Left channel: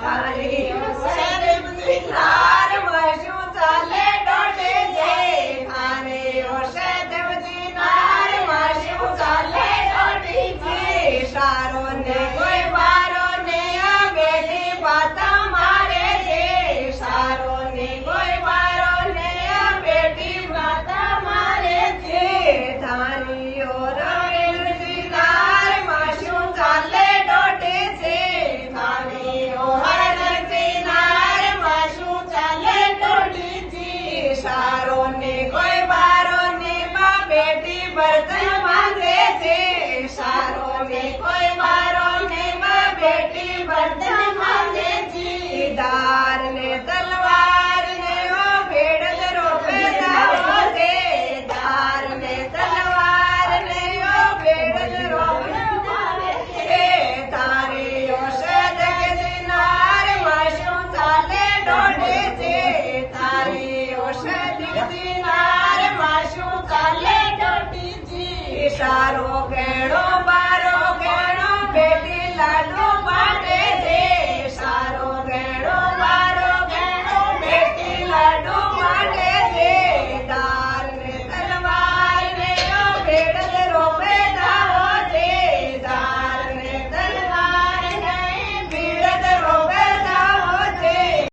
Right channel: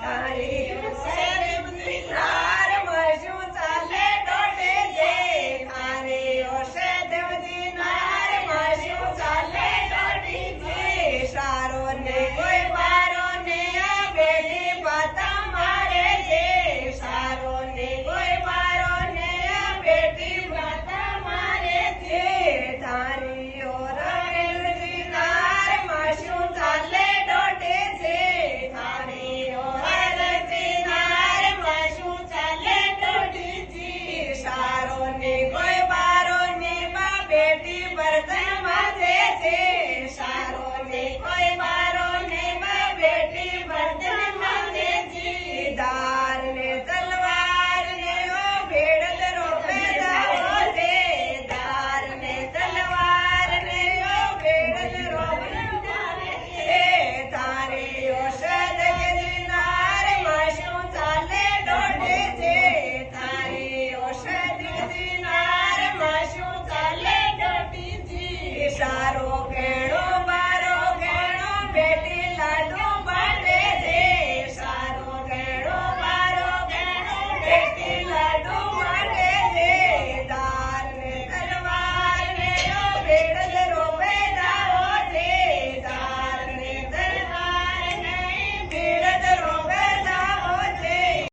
તારી ઔષધ દિનાર મશું ચાલે દોઢે છે તારી ઔષધ દિનાર મશું ચાલે દોઢી છે સારો ને કોઈ મારો ને બેટી વાત મારે છે સારો ને કોઈ મારો ને બેટી વાત મારે છે તારી ઔષધ દિનાર મશું ચાલે દોઢે છે તારી ઔષધ દિનાર મશું ચાલે દોઢી છે સારો ને કોઈ મારો ને બેટી બર્તન માંગે છે સારો ને કોઈ મારો ને બેટી બર્તન માંગે છે દાર ને તલવાર ને ઓ ભેડ રોપેલા છે દાર ને તલવાર ને ઓ ભેડ રોપેલા છે તારી ઔષધ દિનાર મશું ચાલે દોઢે છે તારી ઔષધ દિનાર મશું ચાલે દોઢી છે સારો